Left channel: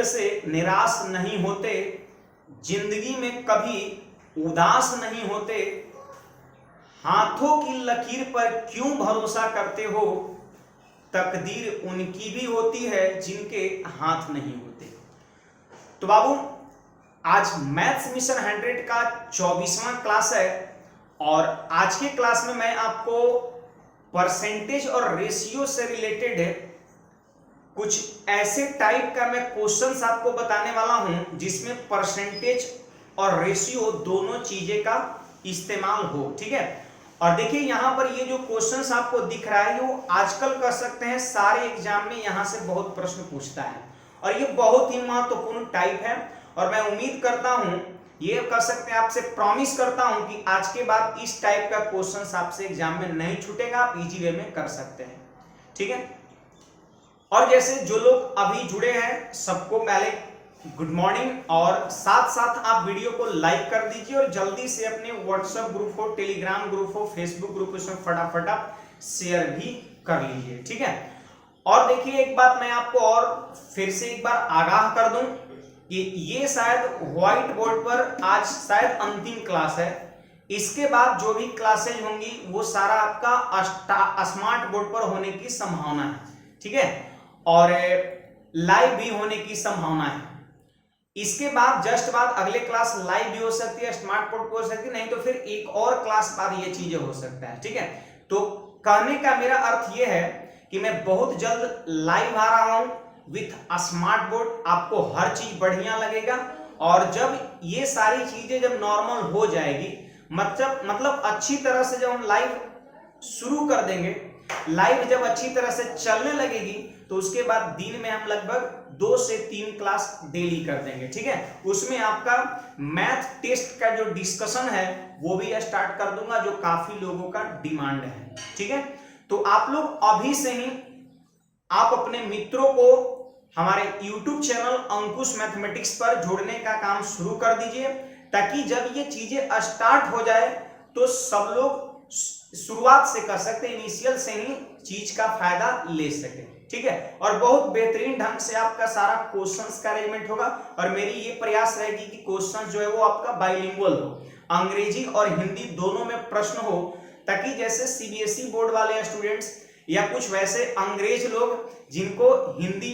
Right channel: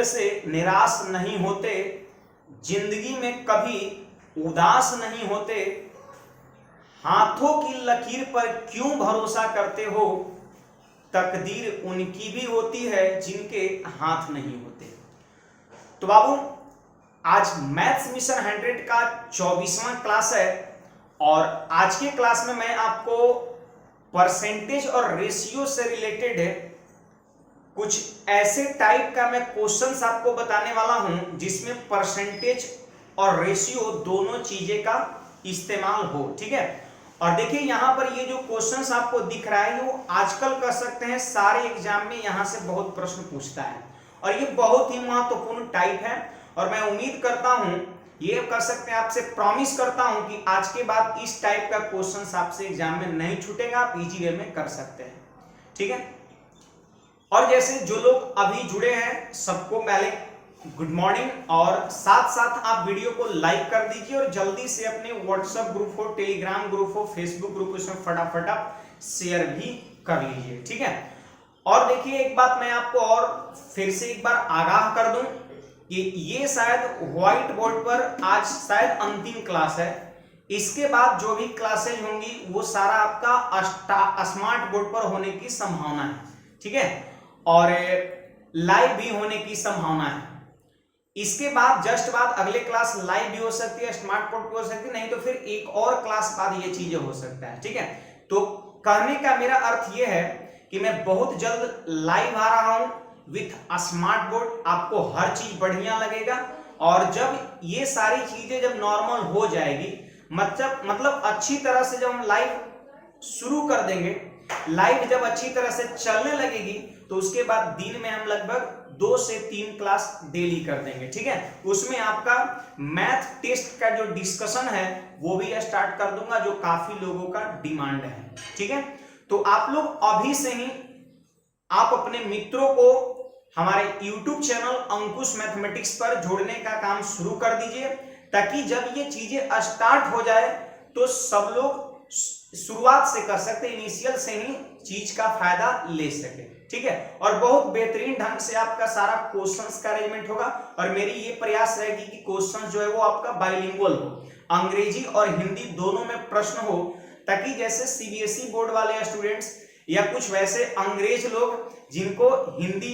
खेल से निराश नहीं होते, जिंदगी में कभी उदास नहीं होते, हाथों की लकीर पर क्यों भरोसा करते हो, तकदीर उनकी भी होती है जिनके हाथ नहीं होते। तो बाबू, आज मैथ्स मिशन 100 का 24वां क्लास है और आज के क्लास में मैं आपको परसेंटेज और रेशियो से रिलेटेड है कुछ ऐसे टाइप का मैं क्वेश्चंस आपको बताने वाला हूं जिसमें परसेंटेज और रेशियो दोनों चीजें का इस्तेमाल हो। ठीक है, और देखिए यहां पर ये जो क्वेश्चंस आपको दिख रहा है वो आजकल कर सकते हैं सारे एग्जाम में यहां से बहुत प्रश्न पूछता है और ये बहुत ही महत्वपूर्ण टाइप है और मैं उम्मीद करता हूं, ये कर सकते हैं, आपसे प्रॉमिस करता हूं कि आज के बाद इस टाइप का क्वेश्चंस आपसे एग्जाम में नहीं छूटेगा, आप इजी वे में कर सकते हैं। ठीक है, और जैसे जो लोग अभी जुड़े हैं सबको पहले गुड मॉर्निंग और साथ साथ आप वीडियो को लाइक कर दीजिए और जल्दी से अपने व्हाट्सएप ग्रुप हो, टेलीग्राम ग्रुप हो, फेसबुक ग्रुप इसमें फटाफट आप शेयर भी कर लीजिए। ठीक है, और देखिए एक बात मैं आपको और फिर से एक बार आगाह कर दूं कि ये शायद व्हाइट बोर्ड पर आज शायद अंतिम क्लास है, इसके बाद जो भी क्लासेज होंगी वो सारा आपका स्मार्ट बोर्ड पर होने की संभावना है। ठीक है, और लाइव भी होने की संभावना है। इसके बाद जस्ट बाद अगले क्लास लाइव भी हो सकती है, स्मार्ट बोर्ड हो सकती है, नहीं तो फिर एक और क्लास बाद ये चीजें हो सकता है। ठीक है, तो कहने का मेरा अर्थ ये है कि मैं बहुत जल्द लाइव आ रहा हूं विथ स्मार्ट बोर्ड, आपको हर चीज बढ़िया लगेगा और जब ये सारी चीजें जब नॉर्मल हो जाएगी, मतलब अच्छी तरह से जब हम लाइव शुरू कर देंगे, लाइव जब अच्छी तरह से चलने लगेगी तो उसके बाद दिन में हम लगभग 2 से 3 क्लास डेली कर देंगे। ठीक है, उसमें आपका मैथ टेस्ट का जो डिस्कशन है वो भी स्टार्ट कर दूंगा जो काफी लोगों का डिमांड है। ठीक है, तो आप लोग अभी से ही आप अपने मित्रों को हमारे YouTube चैनल अंकुश मैथमेटिक्स पर जोड़ने का काम शुरू कर दीजिए ताकि जब ये चीजें स्टार्ट हो जाए तो सब लोग शुरुआत से कर सकते, इनिशियल से ही चीज का फायदा ले सके। ठीक है, और बहुत बेहतरीन ढंग से आपका सारा क्वेश्चंस का अरेंजमेंट होगा और मेरी ये प्रयास रहेगी कि क्वेश्चन जो है वो आपका बाइलिंगुअल हो, अंग्रेजी और हिंदी दोनों में प्रश्न हो, ताकि जैसे सीबीएसई बोर्ड वाले स्टूडेंट्स या कुछ वैसे अंग्रेज लोग जिनको हिंदी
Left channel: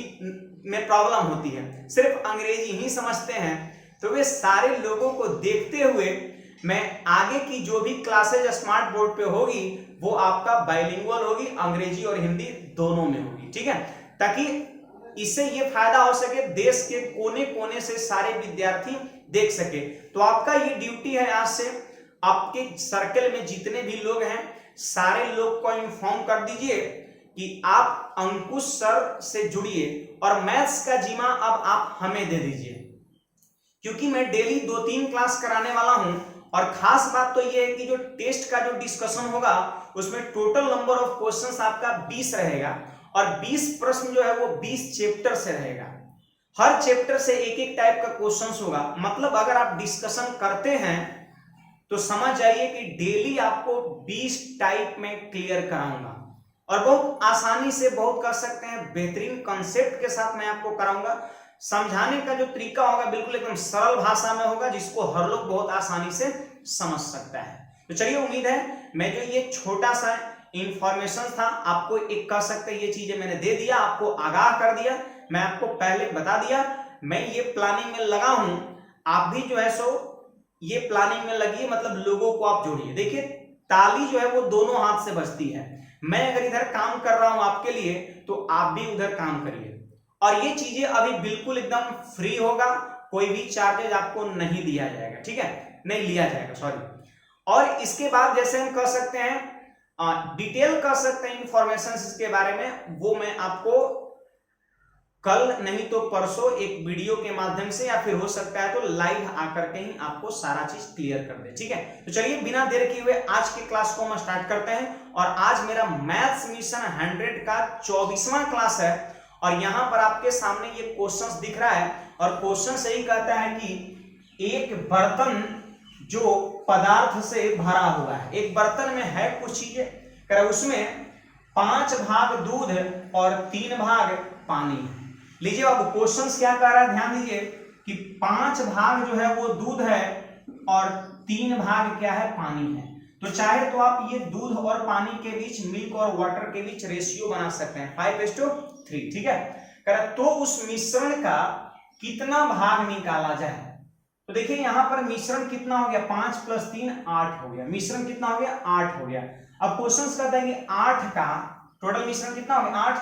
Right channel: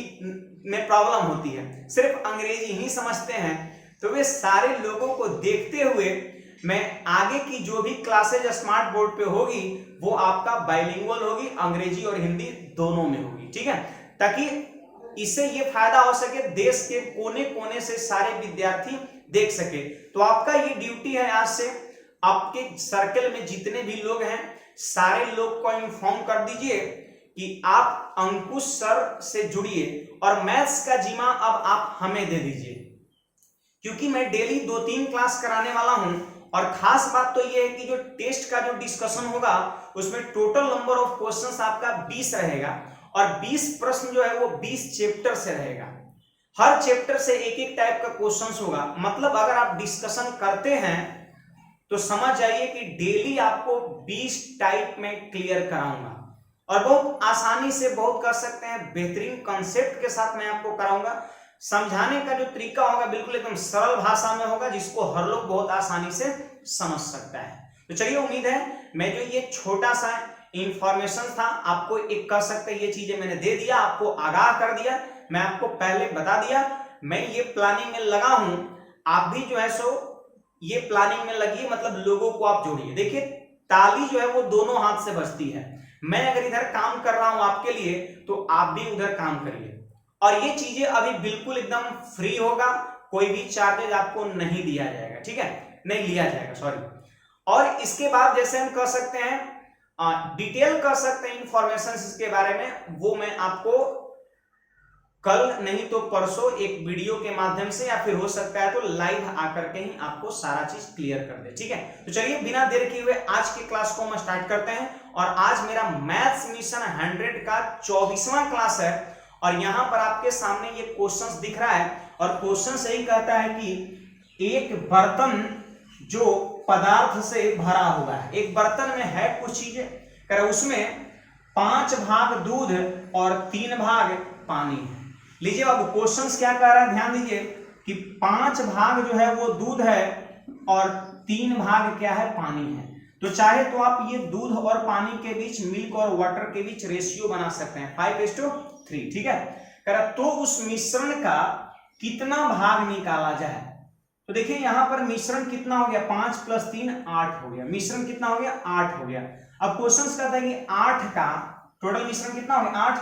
में प्रॉब्लम होती है, सिर्फ अंग्रेजी ही समझते हैं, तो वे सारे लोगों को देखते हुए मैं आगे की जो भी क्लासेज स्मार्ट बोर्ड पे होगी वो आपका बाइलिंगुअल होगी, अंग्रेजी और हिंदी दोनों में होगी। ठीक है, ताकि इससे ये फायदा हो सके, देश के कोने कोने से सारे विद्यार्थी देख सके। तो आपका ये ड्यूटी है, आज से आपके सर्कल में जितने भी लोग हैं सारे लोग को इन्फॉर्म कर दीजिए कि आप अंकुश सर से जुड़िए और मैथ्स का जिम्मा अब आप हमें दे दीजिए, क्योंकि मैं डेली 2-3 क्लास कराने वाला हूं और खास बात तो ये है कि जो टेस्ट का जो डिस्कशन होगा उसमें टोटल नंबर ऑफ क्वेश्चंस आपका 20 रहेगा और 20 प्रश्न जो है वो 20 चैप्टर से रहेगा। हर चैप्टर से एक एक टाइप का क्वेश्चंस होगा, मतलब अगर आप डिस्कशन करते हैं तो समझ जाइए कि डेली आपको 20 टाइप में क्लियर कराऊंगा और बहुत आसानी से बहुत कर सकते हैं, बेहतरीन कंसेप्ट के साथ मैं आपको कराऊंगा। समझाने का जो तरीका होगा बिल्कुल एकदम सरल भाषा में होगा जिसको हर लोग बहुत आसानी से समझ सकता है। तो चलिए, उम्मीद है मैं जो ये छोटा सा इंफॉर्मेशन था आपको एक कर सकते, ये चीजें मैंने दे दिया, आपको आगाह कर दिया, मैं आपको पहले बता दिया, मैं ये प्लानिंग में लगा हूं, आप भी जो है सो ये प्लानिंग में लगिए, मतलब लोगों को आप जोड़िए। देखिए ताली जो है वो दोनों हाथ से बजती है, मैं अगर इधर काम कर रहा हूं आपके लिए तो आप भी उधर काम करिए और ये चीजें अभी बिल्कुल एकदम फ्री होगा, कोई भी चार्जेज आपको नहीं दिया जाएगा। ठीक है, नहीं लिया जाएगा, सॉरी। और इसके बाद जैसे हम कर सकते हैं डिटेल कर सकते हैं इंफॉर्मेशन इसके बारे में, वो मैं आपको कल नहीं तो परसों एक वीडियो के माध्यम से या फिर हो सकता है तो लाइव आकर के ही आपको सारा चीज क्लियर कर दे। ठीक है, तो चलिए बिना देर किए हुए आज की क्लास को हम स्टार्ट करते हैं और आज मेरा मैथ्स मिशन 100 का 24वां क्लास है और यहां पर आपके सामने ये क्वेश्चंस दिख रहा है और क्वेश्चन यही कहता है कि एक बर्तन जो पदार्थ से भरा हुआ है, एक बर्तन में है कुछ चीजें, उसमें 5 भाग दूध और 3 भाग पानी है। लीजिए बाबू क्वेश्चंस क्या कह रहा है, ध्यान दीजिए कि 5 भाग जो है वो दूध है और 3 भाग क्या है, पानी है। तो चाहे तो आप ये दूध और पानी के बीच, मिल्क और वाटर के बीच रेशियो बना सकते हैं 5:3, ठीक है। कह रहा तो उस मिश्रण का कितना भाग निकाला जाए। तो देखिए यहां पर मिश्रण कितना हो गया, 5 + 3 8 हो गया। मिश्रण कितना हो गया, 8 हो गया। अब क्वेश्चन कहता है कि 8 का टोटल मिश्रण कितना हो गया, 8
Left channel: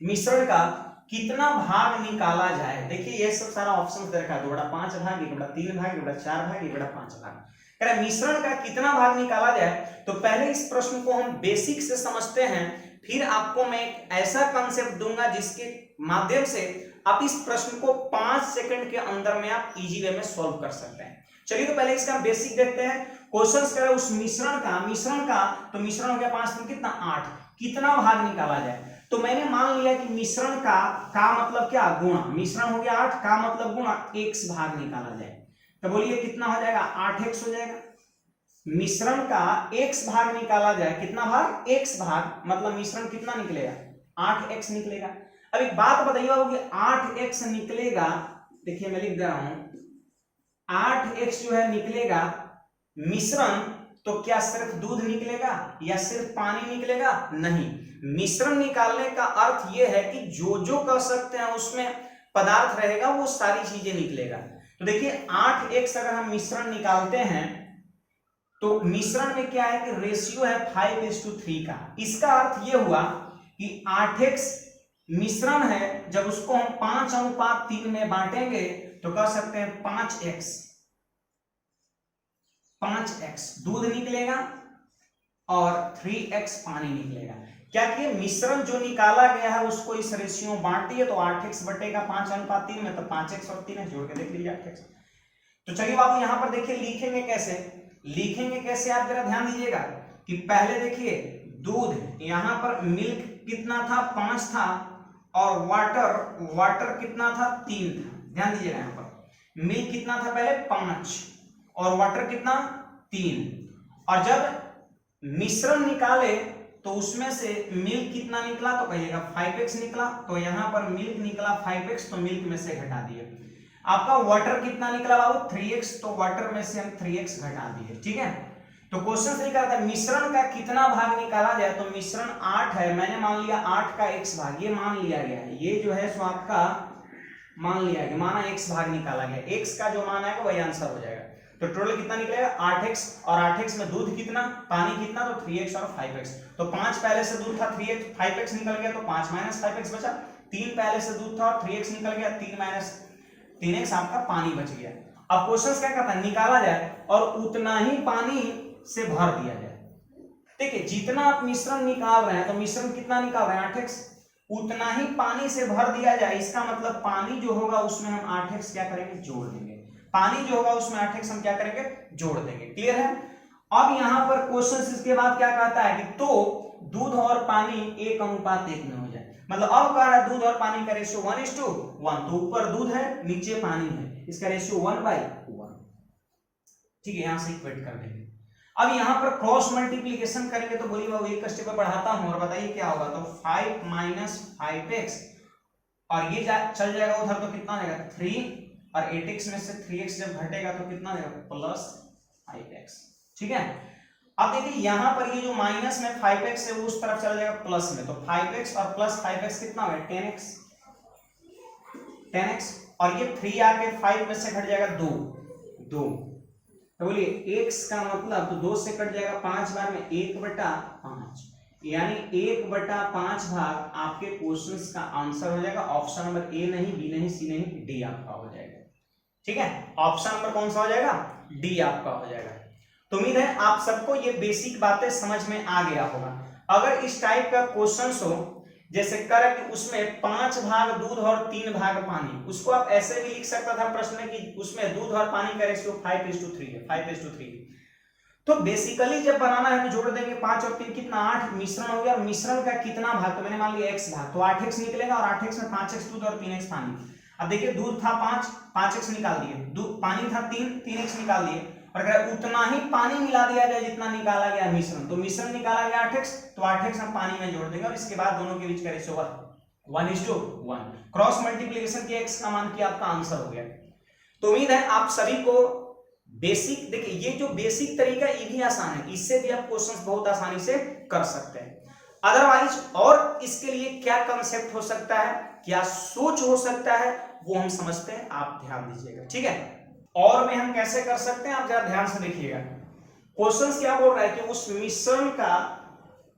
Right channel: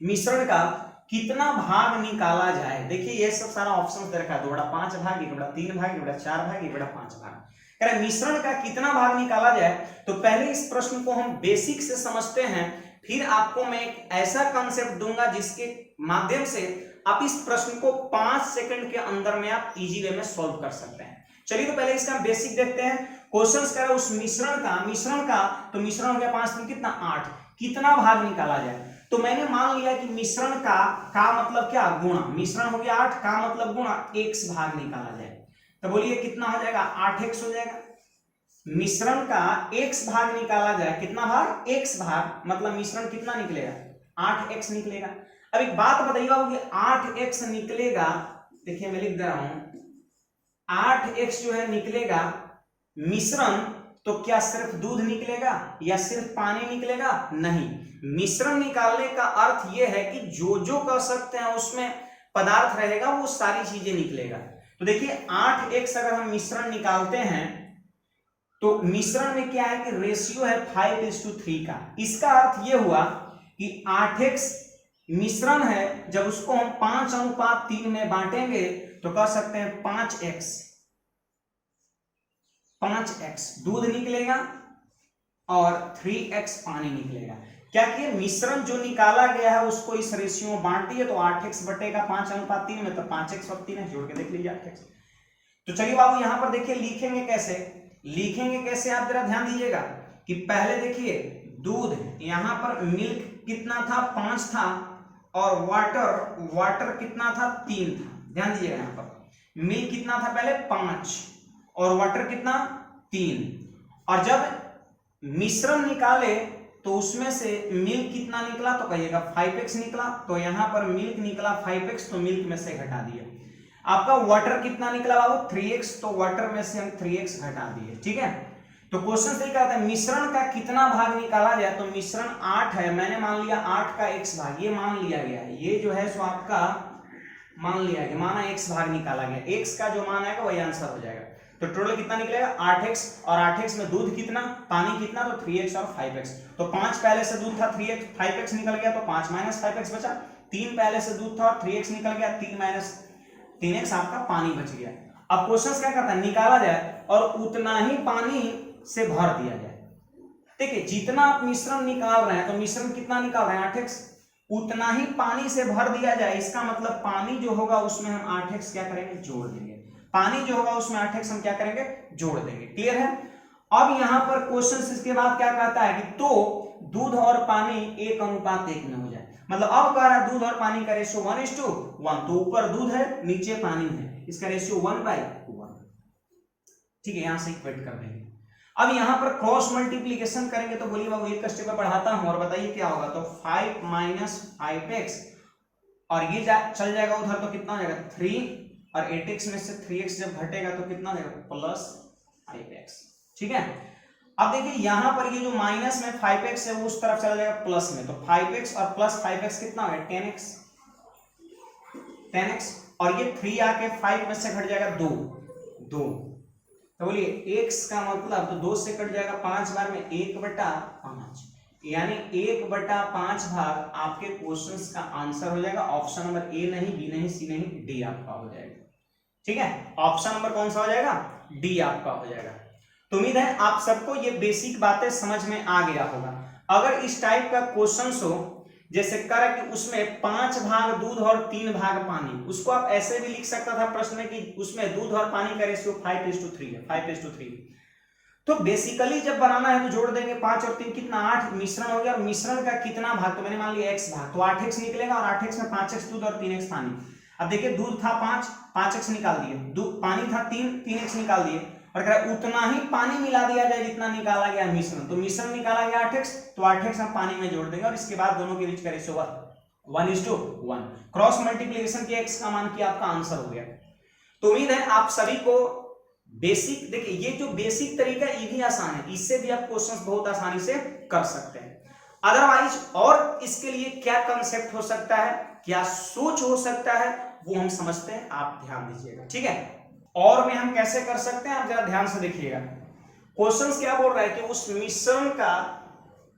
मिश्रण का कितना भाग निकाला जाए। देखिए ये सब सारा ऑप्शन दे रखा है, 2/5 भाग, 1/3 भाग, 1/4 भाग, 1/5 भाग। कह रहा मिश्रण का कितना भाग निकाला जाए। तो पहले इस प्रश्न को हम बेसिक से समझते हैं, फिर आपको मैं एक ऐसा कंसेप्ट दूंगा जिसके माध्यम से आप इस प्रश्न को 5 सेकंड के अंदर में आप इजी वे में सॉल्व कर सकते हैं। चलिए तो पहले इसका बेसिक देखते हैं। क्वेश्चन कह रहा है उस मिश्रण का तो मिश्रण हो गया 5 में कितना, 8, कितना भाग निकाला जाए। तो मैंने मान लिया कि मिश्रण का मतलब क्या, गुणा। मिश्रण हो गया 8 का मतलब गुणा, x भाग निकाला जाए। तो बोलिए कितना हो जाएगा, 8x हो जाएगा। मिश्रण का x भाग निकाला जाए, कितना भाग, x भाग, मतलब मिश्रण कितना निकलेगा, 8x निकलेगा। अब एक बात बताइए बाबू कि 8x निकलेगा, देखिए मैं लिख दे रहा हूं, 8x जो है निकलेगा मिश्रण, तो क्या सिर्फ दूध निकलेगा या सिर्फ पानी निकलेगा, नहीं। मिश्रण निकालने का अर्थ यह है कि जो जो कर सकते हैं उसमें पदार्थ रहेगा वो सारी चीजें निकलेगा। तो देखिए 8x अगर हम मिश्रण निकालते हैं तो मिश्रण में क्या है कि रेशियो है 5:3 का। इसका अर्थ यह हुआ कि 8x मिश्रण है, जब उसको हम 5:3 में बांटेंगे तो कह सकते हैं 5x दूध निकलेगा और 3x पानी निकलेगा। क्या कि मिश्रण जो निकाला गया है उसको इस रेशियो में बांट दिए, तो 8x बटेगा 5:3 में, तो 5x और 3 जोड़ के देख लीजिए 8x। तो चलिए बाबू यहां पर देखिए लिखेंगे कैसे आप जरा ध्यान दीजिएगा कि पहले देखिए दूध, यहां पर मिल्क कितना था, 5 था, और वाटर कितना था, 3 था। ध्यान दीजिएगा यहां पर मिल्क कितना था पहले, 5, और वाटर कितना, 3। और जब मिश्रण निकाले तो उसमें से मिल्क कितना निकला, तो कहिएगा 5x निकला। तो यहां पर मिल्क निकला 5x, तो मिल्क में से घटा दिए। आपका वाटर कितना निकला बाबू, 3x, तो वाटर में से हम 3x घटा दिए, ठीक है। तो क्वेश्चन सही कहता है मिश्रण का कितना भाग निकाला जाए। तो मिश्रण 8 है, मैंने मान लिया 8 का x भाग, ये मान लिया गया है, ये जो है सो आपका मान लिया गया, माना x भाग निकाला गया, x का जो मान आएगा वही आंसर हो जाएगा। तो टोटल कितना निकलेगा, 8x, और 8x में दूध कितना, पानी कितना, तो 3x और 5x। तो 5 पहले से दूध था, 5x निकल गया, तो 5 - 5x बचा। 3 पहले से दूध था और 3x निकल गया, 3 - 3x आपका पानी बच गया। अब क्वेश्चन क्या कहता है, निकाला जाए और उतना ही पानी से भर दिया जाए। देखिए जितना आप मिश्रण निकाल रहे हैं, तो मिश्रण कितना निकाल रहे हैं, 8x, उतना ही पानी से भर दिया जाए। इसका मतलब पानी जो होगा उसमें हम 8x क्या करेंगे, जोड़ देंगे। पानी जो होगा उसमें 8x हम क्या करेंगे, जोड़ देंगे। क्लियर है। अब यहां पर क्वेश्चन इसके बाद क्या कहता है कि तो दूध और पानी 1:1 में हो जाए। मतलब अब कह रहा है दूध और पानी का रेशियो 1:1, तो ऊपर दूध है नीचे पानी है, इसका रेशियो 1/1, ठीक है। यहां से इक्वेट कर देंगे। अब यहां पर क्रॉस मल्टीप्लीकेशन करेंगे, तो बोलिए बाबू एक स्टेप बढ़ाता हूं और बताइए क्या होगा। तो 5 - 5x, और ये चल जाएगा उधर, तो कितना हो जाएगा 3, और 8x में से 3x जब घटेगा तो कितना हो जाएगा, +5x, ठीक है। अब देखिए यहां पर ये जो माइनस में 5x है वो उस तरफ चला जाएगा प्लस में, तो 5x और +5x कितना हो गया, 10x, और ये 3 आके 5 में से घट जाएगा 2, तो बोलिए x का मतलब, तो 2 से कट जाएगा 5 बार में 1/5, यानी 1/5 भाग आपके क्वेश्चंस का आंसर हो जाएगा। ऑप्शन नंबर ए नहीं, बी नहीं, सी नहीं, डी आपका हो जाएगा, ठीक है। ऑप्शन नंबर कौन सा हो जाएगा, डी आपका हो जाएगा। तो उम्मीद है आप सबको ये बेसिक बातें समझ में आ गया होगा। अगर इस टाइप का क्वेश्चन हो, जैसे कर कि उसमें 5 भाग दूध और 3 भाग पानी, उसको आप ऐसे भी लिख सकता था प्रश्न में कि उसमें दूध और पानी का रेशियो 5:3 है, 5:3। तो बेसिकली जब बनाना है तो जोड़ देंगे 5 और 3 कितना, 8, मिश्रण हो गया। और मिश्रण का कितना भाग, तो मैंने मान लिया x भाग, तो 8x निकलेगा, और 8x में 5x दूध और 3x पानी। अब देखिए दूध था 5x निकाल दिए, दूध पानी था 3x निकाल दिए, और अगर उतना ही पानी मिला दिया जाए जितना निकाला गया मिश्रण, तो मिश्रण निकाला गया 8x, तो 8x हम पानी में जोड़ देंगे, और इसके बाद दोनों के बीच का रेशियो 1:1। क्रॉस मल्टीप्लीकेशन के x का मान किया, आपका आंसर हो गया। तो उम्मीद है आप सभी को बेसिक, देखिए ये जो बेसिक तरीका ये भी आसान है, इससे भी आप क्वेश्चंस बहुत आसानी से कर सकते हैं। अदरवाइज और इसके लिए क्या कंसेप्ट हो सकता है, क्या सोच हो सकता है, वो हम समझते हैं, आप ध्यान दीजिएगा, ठीक है। और में हम कैसे कर सकते हैं, आप जरा ध्यान से देखिएगा। क्वेश्चंस क्या बोल रहा है कि उस मिश्रण का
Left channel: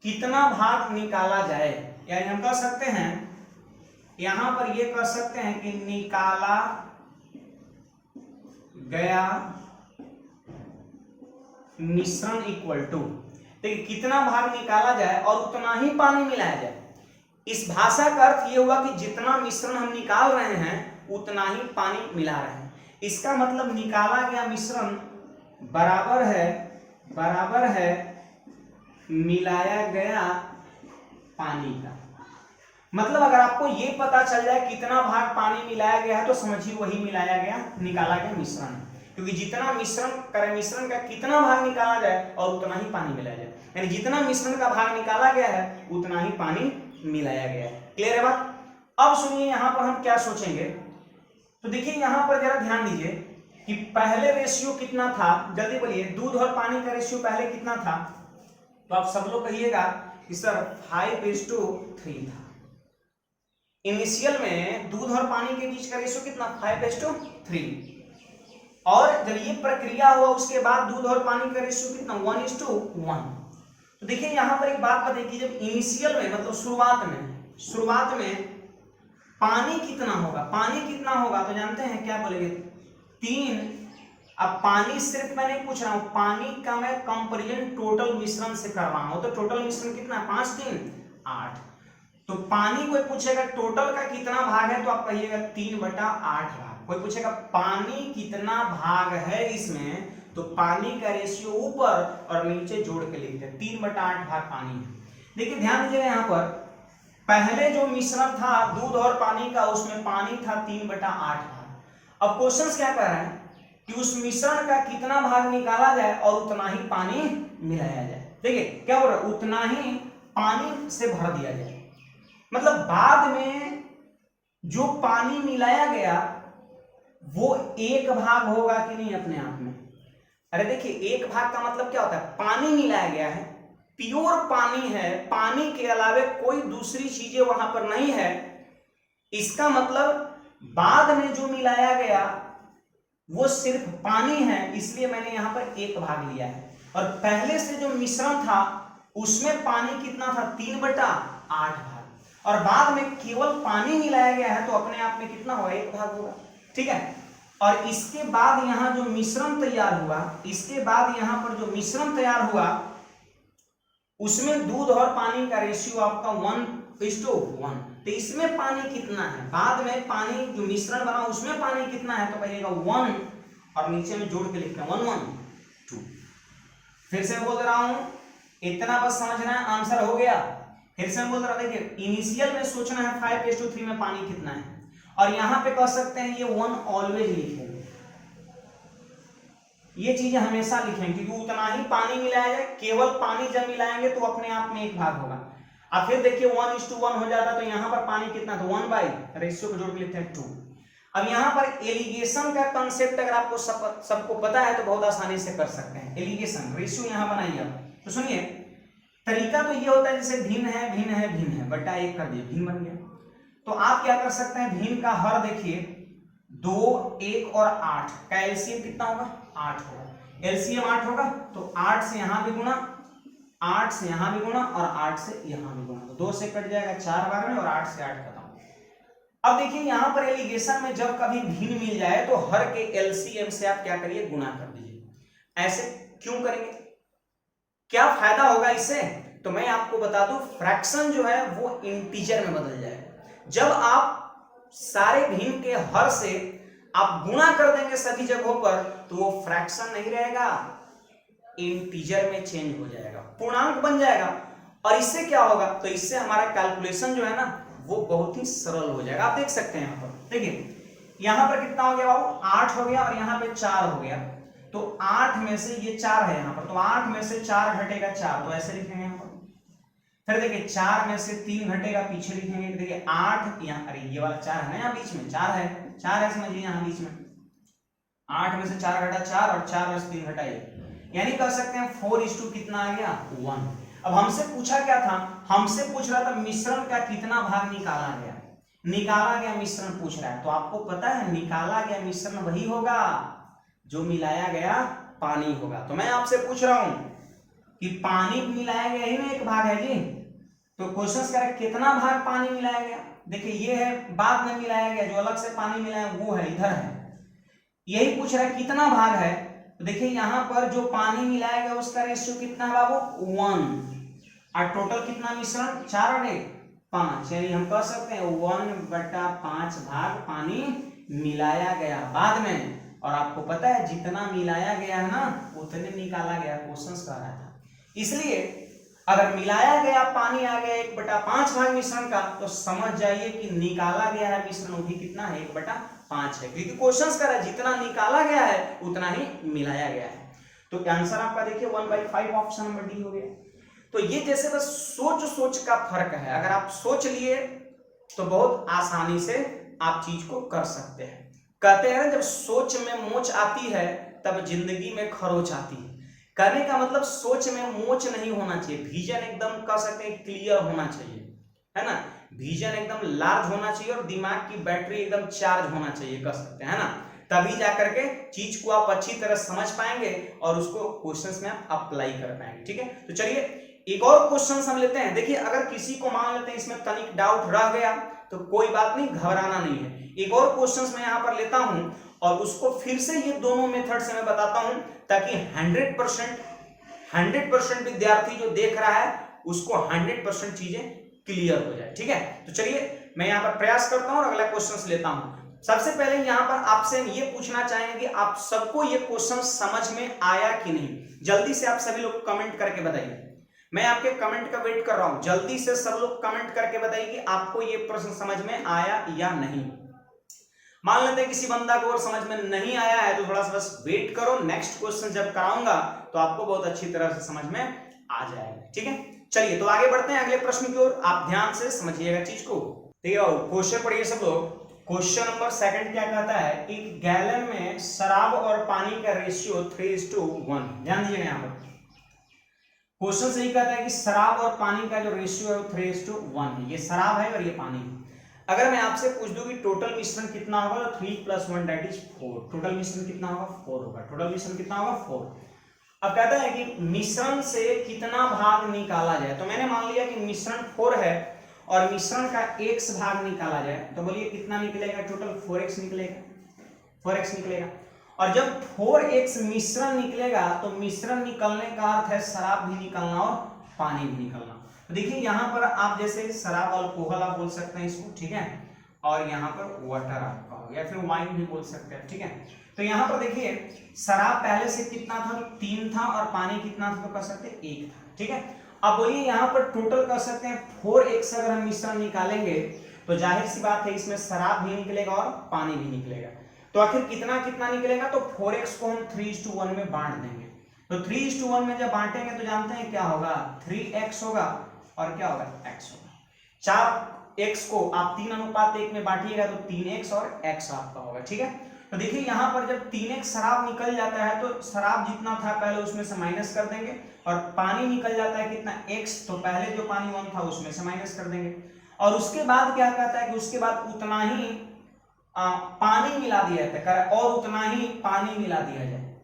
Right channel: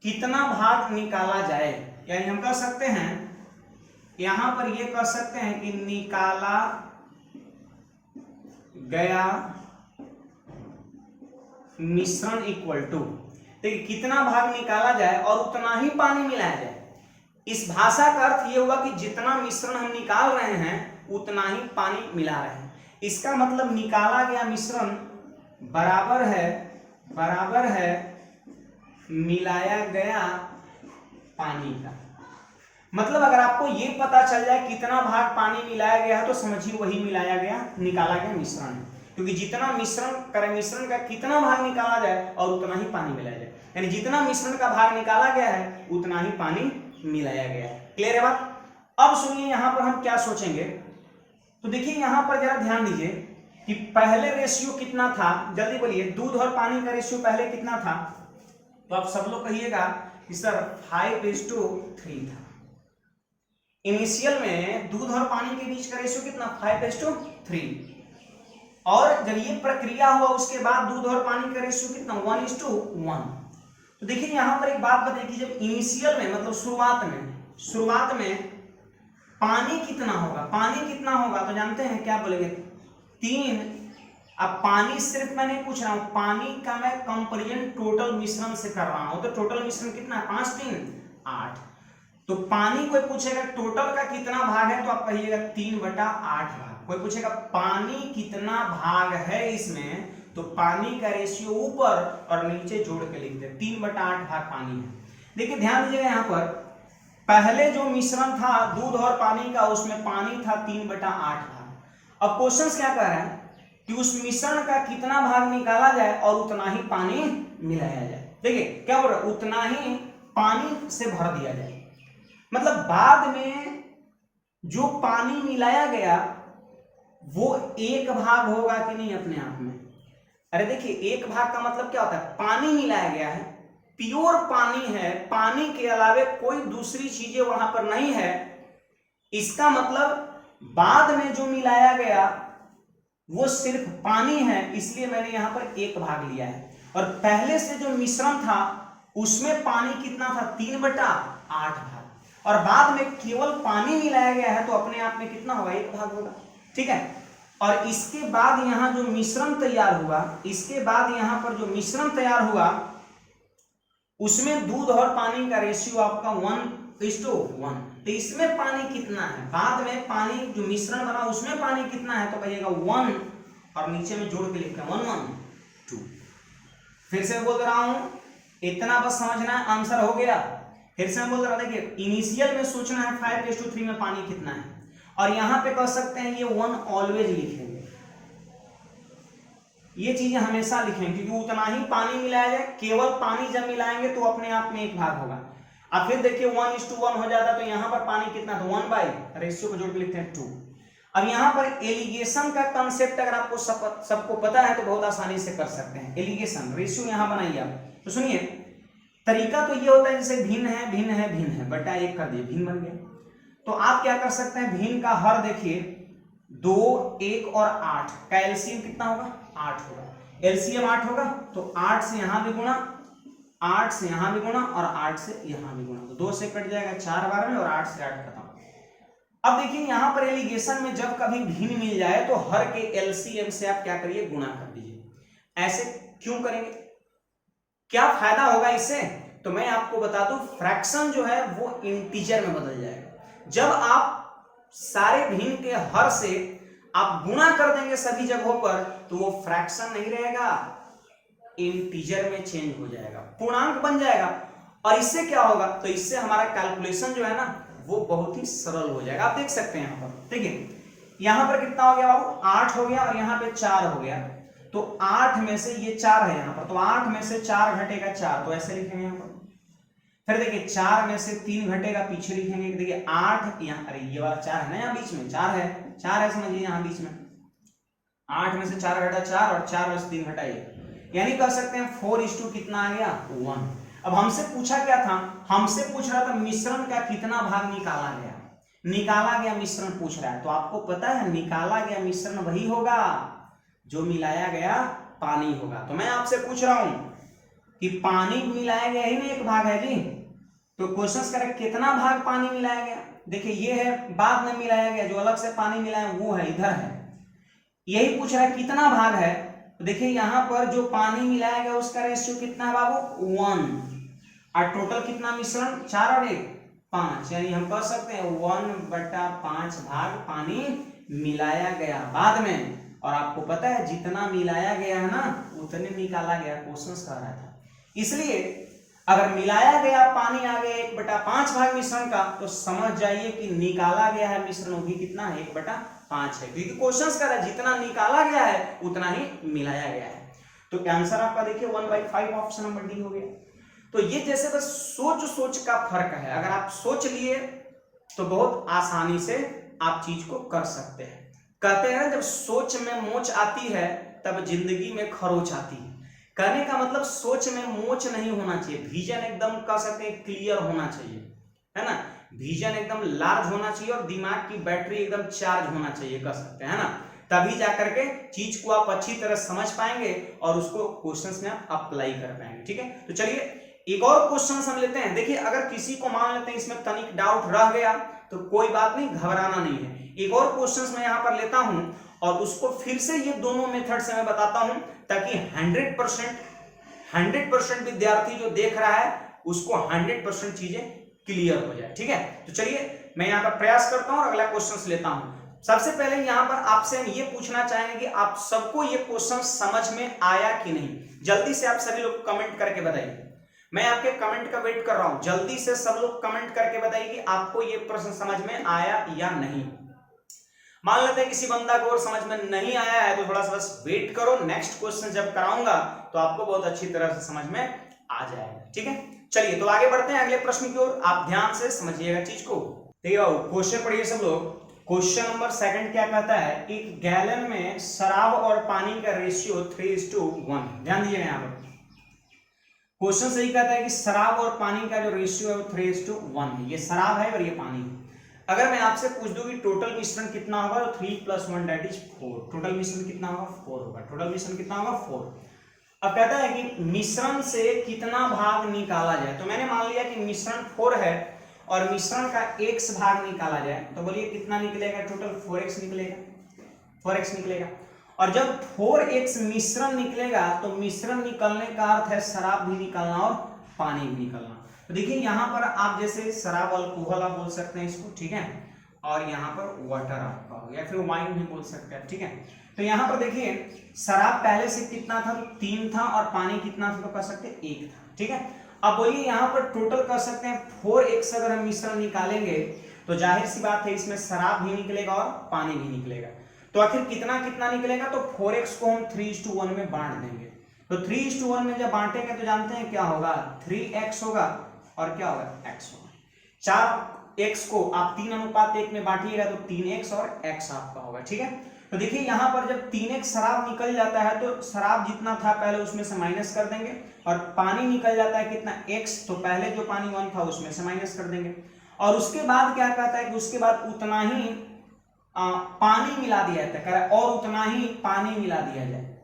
कितना भाग निकाला जाए, यानी हम कह सकते हैं यहां पर ये कह सकते हैं कि निकाला गया मिश्रण इक्वल टू, देखिए कितना भाग निकाला जाए और उतना ही पानी मिलाया जाए। इस भाषा का अर्थ ये हुआ कि जितना मिश्रण हम निकाल रहे हैं उतना ही पानी मिला रहे हैं। इसका मतलब निकाला गया मिश्रण बराबर है मिलाया गया पानी का। मतलब अगर आपको ये पता चल जाए कितना भाग पानी मिलाया गया है तो समझिए वही मिलाया गया, निकाला गया मिश्रण है। क्योंकि जितना मिश्रण का कितना भाग निकाला जाए और उतना ही पानी मिलाया जाए, यानी जितना मिश्रण का भाग निकाला गया है उतना ही पानी मिलाया गया है। क्लियर है बात। अब सुनिए यहां पर हम क्या सोचेंगे, तो देखिए यहां पर जरा ध्यान दीजिए कि पहले रेशियो कितना था, जल्दी बोलिए, दूध और पानी का रेशियो पहले कितना था। तो आप सब लोग कहिएगा कि सर 5:3 था। इनिशियल में दूध और पानी के बीच का रेशियो कितना, 5:3। और जब ये प्रक्रिया हुआ उसके बाद दूध और पानी का रेशियो कितना, 1:1। तो देखिए यहां पर एक बात बताइए कि जब इनिशियल में मतलब शुरुआत में पानी कितना होगा, तो जानते हैं क्या बोलेंगे, 3। अब पानी सिर्फ मैं नहीं पूछ रहा हूं, पानी का मैं कंपेरिजन टोटल मिश्रण से कर रहा हूं। तो टोटल मिश्रण कितना है, 5 3 8। तो पानी कोई पूछेगा टोटल का कितना भाग है, तो आप कहिएगा 3/8 भाग। कोई पूछेगा पानी कितना भाग है इसमें, तो पानी का रेशियो ऊपर और नीचे जोड़ के लिखते हैं, 3/8 भाग पानी है। देखिए ध्यान दीजिएगा यहां पर पहले जो मिश्रण था दूध और पानी का, उसमें पानी था 3/8 भाग। अब क्वेश्चन क्या कह रहा है कि उस मिश्रण का कितना भाग निकाला जाए और उतना ही पानी मिलाया जाए। देखिए क्या बोल रहा है, उतना ही पानी से भर दिया जाए। मतलब बाद में जो पानी मिलाया गया वो 1 भाग होगा कि नहीं अपने आप में। अरे देखिए 1 भाग का मतलब क्या होता है, पानी मिलाया गया है, प्योर पानी है, पानी के अलावे कोई दूसरी चीजें वहां पर नहीं है। इसका मतलब बाद में जो मिलाया गया वो सिर्फ पानी है, इसलिए मैंने यहां पर 1 भाग लिया है। और पहले से जो मिश्रण था उसमें पानी कितना था, 3/8 भाग, और बाद में केवल पानी मिलाया गया है तो अपने आप में कितना होगा, 1 भाग होगा, ठीक है। और इसके बाद यहां जो मिश्रण तैयार हुआ, उसमें दूध और पानी का रेशियो आपका 1:1। तो इसमें पानी कितना है, बाद में पानी जो मिश्रण बना उसमें पानी कितना है, तो कहिएगा 1 और नीचे में जोड़ के लिखते हैं 1:2। फिर से बोल रहा हूं, इतना बस समझना, आंसर हो गया। फिर से बोल रहा, देखिए इनिशियल में सोचना है 5:3 में पानी कितना है, और यहां पे कह सकते हैं ये 1 ऑलवेज लिखेंगे, ये चीजें हमेशा लिखेंगे, क्योंकि उतना ही पानी मिलाया जाए। केवल पानी जब मिलाएंगे तो अपने आप में 1 भाग होगा। अब फिर देखिए 1:1 हो जाता, तो यहां पर पानी कितना, तो 1 रेशियो को जोड़ के लिखते हैं 2। अब यहां पर एलिगेशन का कंसेप्ट अगर आपको सबको पता है तो बहुत आसानी से कर सकते हैं। एलिगेशन रेशियो यहां बनाइए आप, तो सुनिए तरीका तो ये होता है जैसे भिन्न है बटा 1 कर दिए, भिन्न बन गया। तो आप क्या कर सकते हैं, भिन्न का हर देखिए 2, 1 और 8 का एलसीएम कितना होगा, 8 होगा। एलसीएम 8 होगा तो 8 से यहां भी गुणा, 8 से यहां भी गुणा और 8 से यहां भी गुणा, तो 2 से कट जाएगा 4 बार में और 8 से 8 खत्म। अब देखिए यहां पर एलिगेशन में जब कभी भिन्न मिल जाए तो हर के एलसीएम से आप क्या करिए, गुणा कर दीजिए। ऐसे क्यों करेंगे, क्या फायदा होगा इससे, तो मैं आपको बता दूं, फ्रैक्शन जो है वो इंटीजर में बदल जाएगा। जब आप सारे भिन्न के हर से आप गुणा कर देंगे सभी जगहों पर, तो वो फ्रैक्शन नहीं रहेगा, इंटीजर में चेंज हो जाएगा, पूर्णांक बन जाएगा। और इससे क्या होगा, तो इससे हमारा कैलकुलेशन जो है ना वो बहुत ही सरल हो जाएगा। आप देख सकते हैं यहां पर, देखिए यहां पर कितना हो गया बाबू, 8 हो गया और यहां पे 4 हो गया। तो 8 में से ये 4 है यहां पर, तो 8 में से 4 घटेगा 4, तो ऐसे लिखेंगे यहां पर। फिर देखिए 4 में से 3 घटेगा, पीछे लिखेंगे देखिए 8 यहाँ, अरे ये वाला 4 है ना, यहाँ बीच में 4 है समझ लीजिए यहाँ बीच में 8 में से 4 घटा 4 और 4 में से 3 घटा 1, यानी कह सकते हैं 4:2 कितना आ गया 1। अब हमसे पूछा क्या था, हमसे पूछ रहा था मिश्रण का कितना भाग निकाला गया, निकाला गया मिश्रण पूछ रहा है। तो आपको पता है निकाला गया मिश्रण वही होगा जो मिलाया गया पानी होगा। तो मैं आपसे पूछ रहा हूं कि पानी मिलाया गया ही ना एक भाग है जी, तो क्वेश्चन करें कितना भाग पानी मिलाया गया। देखिए ये है बाद में मिलाया गया, जो अलग से पानी मिलाया वो है इधर है, यही पूछ रहा है कितना भाग है। तो देखिए यहाँ पर जो पानी मिलाया गया उसका रेशियो कितना है बाबू 1, और टोटल कितना मिश्रण 4 और 1 5, यानी हम कह सकते हैं 1/5 भाग पानी मिलाया गया बाद में। और आपको पता है जितना मिलाया गया है ना उतने निकाला गया, क्वेश्चन कह रहा था। इसलिए अगर मिलाया गया पानी आ गया 1/5 भाग मिश्रण का, तो समझ जाइए कि निकाला गया है मिश्रण वो भी कितना है 1/5 है, क्योंकि क्वेश्चन कह रहा है जितना निकाला गया है उतना ही मिलाया गया है। तो आंसर आपका देखिए 1/5 ऑप्शन नंबर डी हो गया। तो ये जैसे बस सोच का फर्क है, अगर आप सोच लिए तो बहुत आसानी से आप चीज को कर सकते हैं। कहते हैं जब सोच में मोच आती है तब जिंदगी में खरोच आती है। कहने का मतलब सोच में मोच नहीं होना चाहिए, विजन एकदम कह सकते हैं क्लियर होना चाहिए, है ना, विजन एकदम लार्ज होना चाहिए और दिमाग की बैटरी एकदम चार्ज होना चाहिए, कह सकते हैं, है ना, तभी जाकर के चीज को आप अच्छी तरह समझ पाएंगे और उसको क्वेश्चंस में आप अप्लाई कर पाएंगे। ठीक है, तो चलिए एक और क्वेश्चन हम लेते हैं। देखिए अगर किसी को मान लेते हैं इसमें तनिक डाउट रह गया तो कोई बात नहीं, घबराना नहीं है। एक और क्वेश्चन मैं यहाँ पर लेता हूं और उसको फिर से ये दोनों मेथड से मैं बताता हूं ताकि 100% विद्यार्थी जो देख रहा है उसको 100% चीजें क्लियर हो जाए। ठीक है, तो चलिए मैं यहाँ पर प्रयास करता हूँ और अगला क्वेश्चन लेता हूं। सबसे पहले यहाँ पर आपसे हम ये पूछना चाहेंगे कि आप सबको ये क्वेश्चन समझ में आया कि नहीं। जल्दी से आप सभी लोग कमेंट करके बताइए, मैं आपके कमेंट का वेट कर रहा हूं। जल्दी से सब लोग कमेंट करके बताइए कि आपको ये प्रश्न समझ में आया या नहीं। मान लेते हैं किसी बंदा को और समझ में नहीं आया है तो थोड़ा सा बस वेट करो, नेक्स्ट क्वेश्चन जब कराऊंगा तो आपको बहुत अच्छी तरह से समझ में आ जाएगा। ठीक है, चलिए तो आगे बढ़ते हैं अगले प्रश्न की ओर। आप ध्यान से समझिएगा चीज को। ठीक है, क्वेश्चन पढ़िए सब लोग। क्वेश्चन नंबर 2 क्या कहता है, एक गैलन में शराब और पानी का रेशियो 3:1। ध्यान दीजिएगा यहाँ पर क्वेश्चन सही कहता है कि शराब और पानी का जो रेशियो है वो 3:1 है। ये शराब है और ये पानी है। अगर मैं आपसे पूछ दूं कि टोटल मिश्रण कितना होगा तो 3 + 1 दैट इज 4। टोटल मिश्रण कितना होगा 4 होगा। टोटल मिश्रण कितना होगा 4। अब कहता है कि मिश्रण से कितना भाग निकाला जाए। तो मैंने मान लिया कि मिश्रण 4 है और मिश्रण का x भाग निकाला जाए, तो बोलिए कितना निकलेगा, टोटल 4x निकलेगा, 4x निकलेगा। और जब 4x मिश्रण निकलेगा तो मिश्रण निकलने का अर्थ है शराब भी निकलना और पानी भी निकलना। तो देखिए यहाँ पर आप जैसे शराब अल्कोहल आप बोल सकते हैं इसको, ठीक है, और यहाँ पर वाटर आपका हो या फिर वाइन भी बोल सकते हैं। ठीक है, तो यहाँ पर देखिए शराब पहले से कितना था, 3 था, और पानी कितना था तो कह सकते हैं 1 था। ठीक है, अब बोलिए यहाँ पर टोटल कर सकते हैं 4x अगर हम मिश्रण निकालेंगे तो जाहिर सी बात है इसमें शराब भी निकलेगा और पानी भी निकलेगा। तो आखिर कितना कितना निकलेगा, तो 4x को हम 3:1 में बांट देंगे। तो 3:1 में जब बांटेंगे तो जानते हैं क्या होगा, 3x होगा और क्या होगा x होगा। 4x को आप 3:1 में बांटिएगा तो 3x और x आपका होगा। ठीक है, तो देखिए यहाँ पर जब 3x शराब निकल जाता है तो शराब जितना था पहले उसमें से माइनस कर देंगे, और पानी निकल जाता है कितना x, तो पहले जो पानी 1 था उसमें से माइनस कर देंगे। और उसके बाद क्या कहता है कि उसके बाद उतना ही पानी मिला दिया जाता है और उतना ही पानी मिला दिया जाए।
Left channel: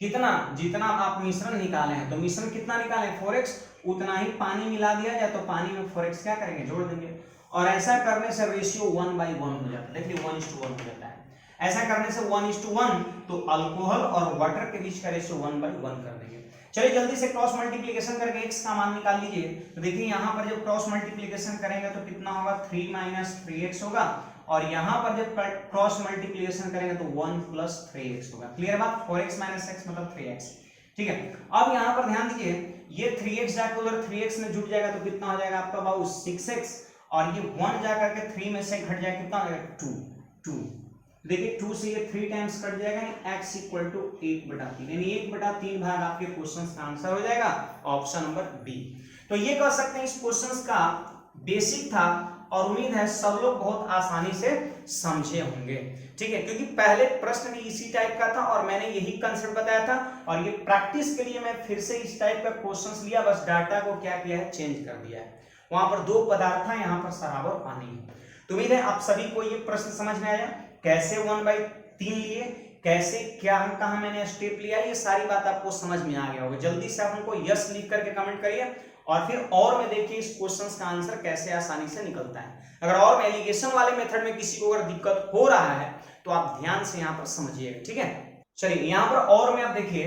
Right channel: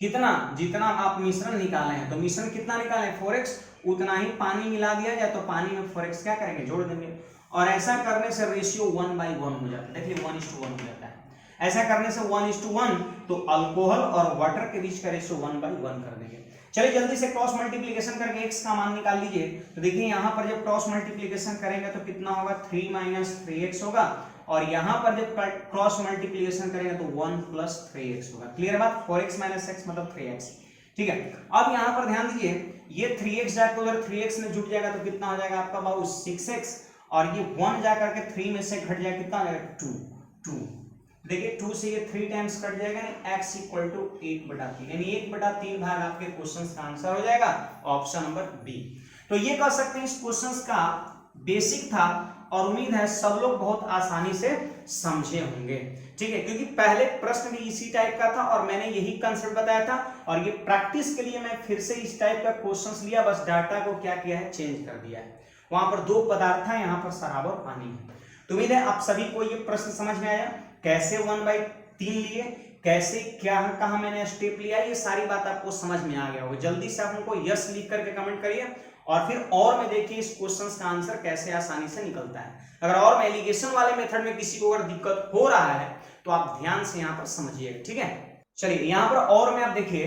कितना, जितना आप मिश्रण निकाले हैं, तो मिश्रण कितना निकाले 4x, उतना ही पानी मिला दिया जाए तो पानी में 4x क्या करेंगे जोड़ देंगे। और ऐसा करने से रेशियो 1/1 हो जाता है। देखिए 1:1 हो जाता है। ऐसा करने से 1:1 तो अल्कोहल और वाटर के बीच का रेशियो 1/1 कर देंगे। चलिए जल्दी से क्रॉस मल्टीप्लिकेशन करके x का मान निकाल लीजिए। तो देखिए यहाँ पर जब क्रॉस मल्टीप्लिकेशन करेंगे तो कितना होगा, 3 - 3x होगा, और यहाँ पर जब क्रॉस मल्टीप्लिकेशन करेंगे तो 1 + 3x होगा। क्लियर बात, 4x - x मतलब 3x। ठीक है, अब यहाँ पर ध्यान दीजिए, ये 3x जाकर उधर 3x में जुट जाएगा तो कितना हो जाएगा आपका बाबू 6x, और ये 1 जाकर के 3 में से घट जाएगा, कितना हो जाएगा 2। देखिए 2 से ये 3 टाइम्स कट जाएगा, x = 1/3, यानी 1/3 भाग आपके क्वेश्चन का आंसर हो जाएगा ऑप्शन नंबर बी। तो ये कह सकते हैं इस क्वेश्चन का बेसिक था और उम्मीद है सब लोग बहुत आसानी से समझे होंगे। ठीक है, क्योंकि पहले प्रश्न भी इसी टाइप का था और मैंने यही कंसेप्ट बताया था और ये प्रैक्टिस के लिए मैं फिर से इस टाइप का क्वेश्चंस लिया, बस डाटा को क्या किया है, चेंज कर दिया है। वहां पर दो पदार्थ है, यहाँ पर शराब और पानी है। तो उम्मीद है आप सभी को ये प्रश्न समझ में आया, कैसे 1/3 लिए, कैसे क्या कहा मैंने स्टेप लिया, ये सारी बात आपको समझ में आ गया होगा। जल्दी से आप हमको यस लिख करके कमेंट करिए और फिर और में देखिए इस क्वेश्चन का आंसर कैसे आसानी से निकलता है। अगर और में एलिगेशन वाले मेथड में किसी को अगर दिक्कत हो रहा है तो आप ध्यान से यहाँ पर समझिएगा। ठीक है, चलिए यहाँ पर और में आप देखिए,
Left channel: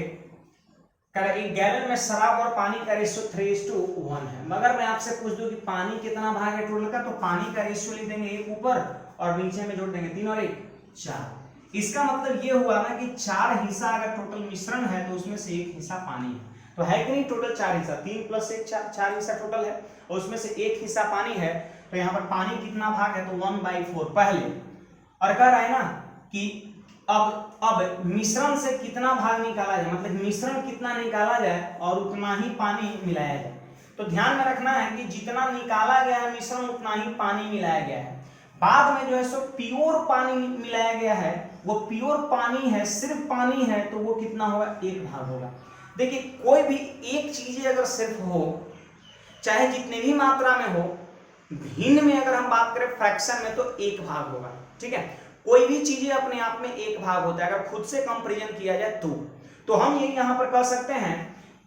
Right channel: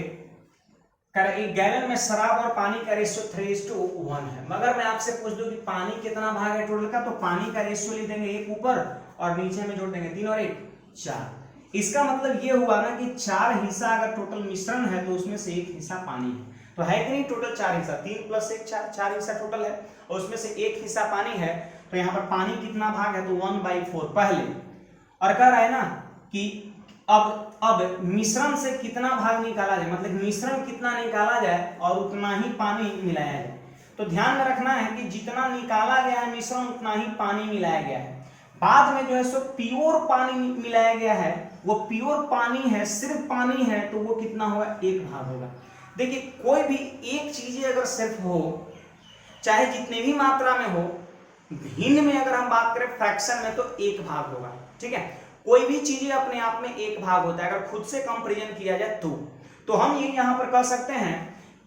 एक गैलन में शराब और पानी का रेशियो 3:1 है। मगर मैं आपसे पूछ दूं कि पानी कितना भाग है टोटल का, तो पानी का रेशियो लिख देंगे 1 ऊपर और नीचे में जोड़ देंगे 3 और 1 4। इसका मतलब ये हुआ ना कि 4 हिस्सा अगर टोटल मिश्रण है तो उसमें से 1 हिस्सा पानी है। तो है कि नहीं, टोटल 4 हिस्सा, 3 + 1 4 हिस्सा टोटल है और उसमें से 1 हिस्सा पानी है। तो यहाँ पर पानी कितना भाग है, तो 1/4 पहले। और कह रहा है ना कि अब मिश्रण से कितना भाग निकाला जाए, मतलब मिश्रण कितना निकाला जाए और उतना ही पानी मिलाया जाए। तो ध्यान में रखना है कि जितना निकाला गया है मिश्रण उतना ही पानी मिलाया गया है। बाद में जो है सो प्योर पानी मिलाया गया है, वो प्योर पानी है, सिर्फ पानी है, तो वो कितना होगा, 1 भाग होगा। देखिए कोई भी एक चीज अगर सिर्फ हो, चाहे जितनी भी मात्रा में हो, भिन्न में अगर हम बात करें फ्रैक्शन में, तो 1 भाग होगा। ठीक है, कोई भी चीजें अपने आप में 1 भाग होता है। अगर खुद से कंपैरिजन किया जाए तो हम ये यहां पर कह सकते हैं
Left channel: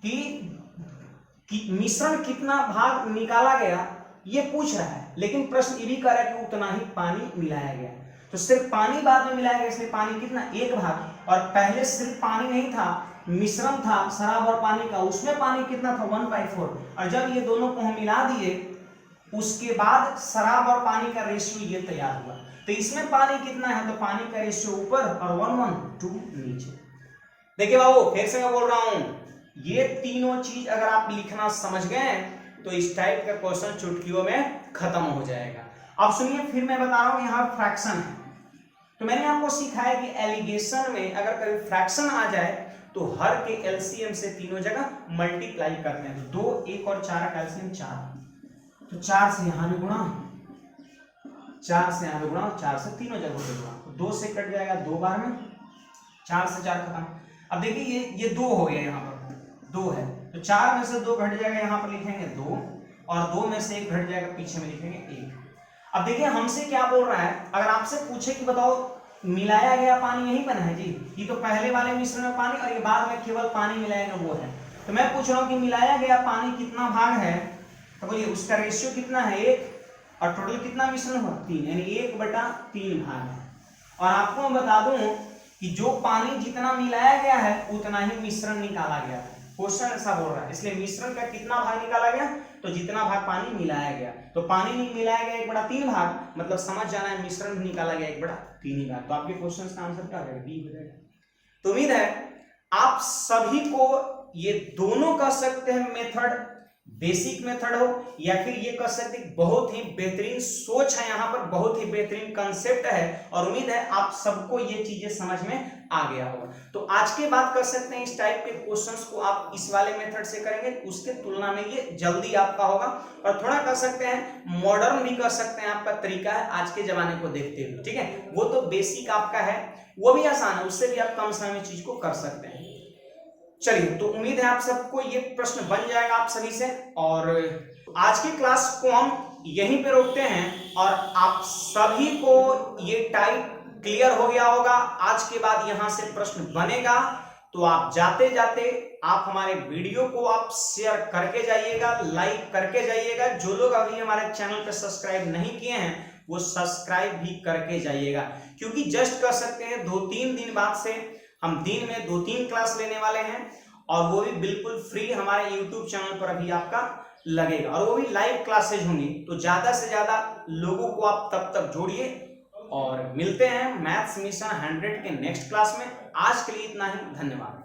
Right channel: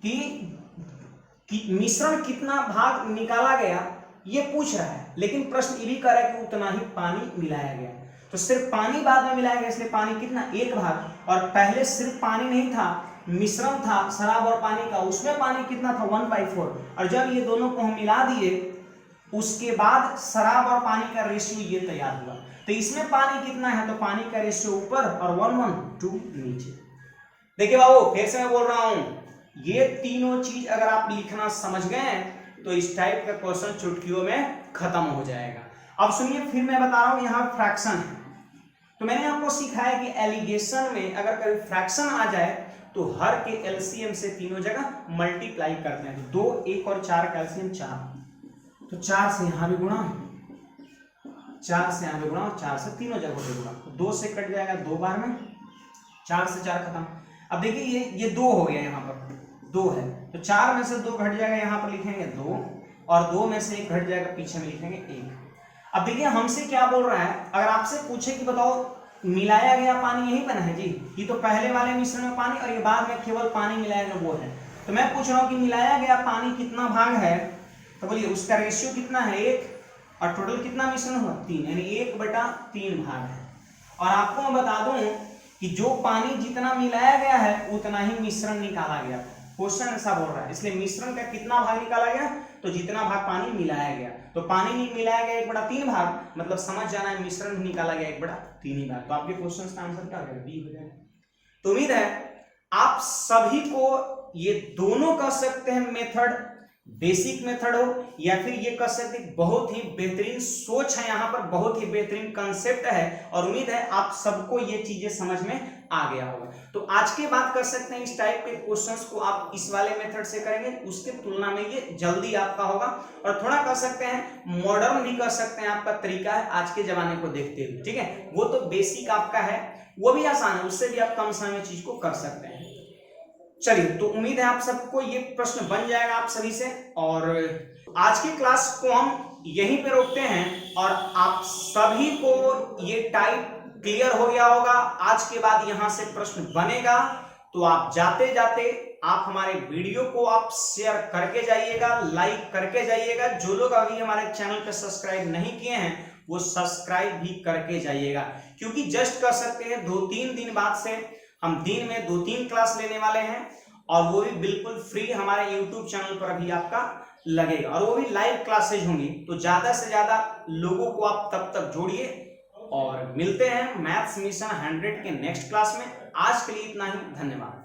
कि मिश्रण कितना भाग निकाला गया ये पूछ रहा है, लेकिन प्रश्न ये भी कर रहा है कि उतना ही पानी मिलाया गया। तो सिर्फ पानी बाद में मिलाया गया, इसलिए पानी कितना, 1 भाग। और पहले सिर्फ पानी नहीं था, मिश्रण था शराब और पानी का, उसमें पानी कितना था, 1/4। और जब ये दोनों को हम मिला दिए उसके बाद शराब और पानी का रेशियो ये तैयार हुआ। तो इसमें पानी कितना है, तो पानी का रेशियो ऊपर और 1:2 नीचे। देखिए बाबू फिर से मैं बोल रहा हूं, ये तीनों चीज अगर आप लिखना समझ गए तो इस टाइप का क्वेश्चन चुटकियों में खत्म हो जाएगा। अब सुनिए फिर मैं बता रहा हूं, यहाँ फ्रैक्शन है। तो मैंने आपको सिखाया कि एलिगेशन में अगर कभी फ्रैक्शन आ जाए तो हर के एलसीएम से तीनों जगह मल्टीप्लाई करते हैं। तो 2, 1 और 4 का एलसीएम 4, तो 4 से यहां भी गुणा, 4 से यहां भी गुणा, 4 से तीनों जगहों पे गुणा। तो 2 से कट जाएगा 2 बार में, 4 से 4 खत्म। अब देखिए ये 2 हो गया, यहाँ पर 2 है, तो 4 में से 2 घट जाएगा, यहाँ पर लिखेंगे 2 और 2 में से 1 घट जाएगा, पीछे में लिखेंगे 1। अब देखिए हमसे क्या बोल रहा है, अगर आपसे पूछे कि बताओ मिलाया गया पानी यही बना है जी, ये तो पहले वाले मिश्रण में पानी और ये बाद में केवल पानी मिलाया गया वो है। तो मैं पूछ रहा हूँ कि मिलाया गया पानी कितना भाग है, तो बोलिए उसका रेशियो कितना है, 1, और टोटल कितना मिश्रण हुआ, 3, यानी 1/3 भाग है। और आपको मैं बता दूं कि जो पानी जितना मिलाया गया है उतना ही मिश्रण निकाला गया था। क्वेश्चन ऐसा बोल रहा है, इसलिए मिश्रण का कितना भाग निकाला गया, तो जितना भाग पानी मिलाया गया। तो पानी नहीं मिलाया गया 1/3 भाग, मतलब समझ जाना है मिश्रण भी निकाला गया 1/3 ही भाग। तो आपके क्वेश्चन का आंसर क्या हो जाएगा, बी हो जाएगा। तो उम्मीद है आप सभी को ये दोनों कह सकते हैं मेथड, बेसिक मेथड हो या फिर ये कह सकते हैं बहुत ही बेहतरीन सोच है, यहाँ पर बहुत ही बेहतरीन कंसेप्ट है और उम्मीद है आप सबको ये चीजें समझ में आ गया होगा। तो आज के बाद कर सकते हैं इस टाइप के क्वेश्चंस को आप इस वाले मेथड से करेंगे, उसके तुलना में ये जल्दी आपका होगा और थोड़ा कर सकते हैं मॉडर्न भी कर सकते हैं, आपका तरीका है आज के जमाने को देखते हुए। ठीक है, वो तो बेसिक आपका है, वो भी आसान है, उससे भी आप कम समय में चीज को कर सकते हैं। चलिए, तो उम्मीद है आप सबको ये प्रश्न बन जाएगा आप सभी से, और आज की क्लास को हम यहीं पे रोकते हैं और आप सभी को ये टाइप क्लियर हो गया होगा। आज के बाद यहां से प्रश्न बनेगा तो आप जाते जाते आप हमारे वीडियो को आप शेयर करके जाइएगा, लाइक करके जाइएगा। जो लोग अभी हमारे चैनल पे सब्सक्राइब नहीं किए हैं वो सब्सक्राइब भी करके जाइएगा, क्योंकि जस्ट कर सकते हैं 2-3 दिन बाद से हम दिन में 2-3 क्लास लेने वाले हैं और वो भी बिल्कुल फ्री हमारे YouTube चैनल पर अभी आपका लगेगा और वो भी लाइव क्लासेज होंगी। तो ज्यादा से ज्यादा लोगों को आप तब तक जोड़िए और मिलते हैं मैथ्स मिशन 100 के नेक्स्ट क्लास में। आज के लिए इतना ही, धन्यवाद।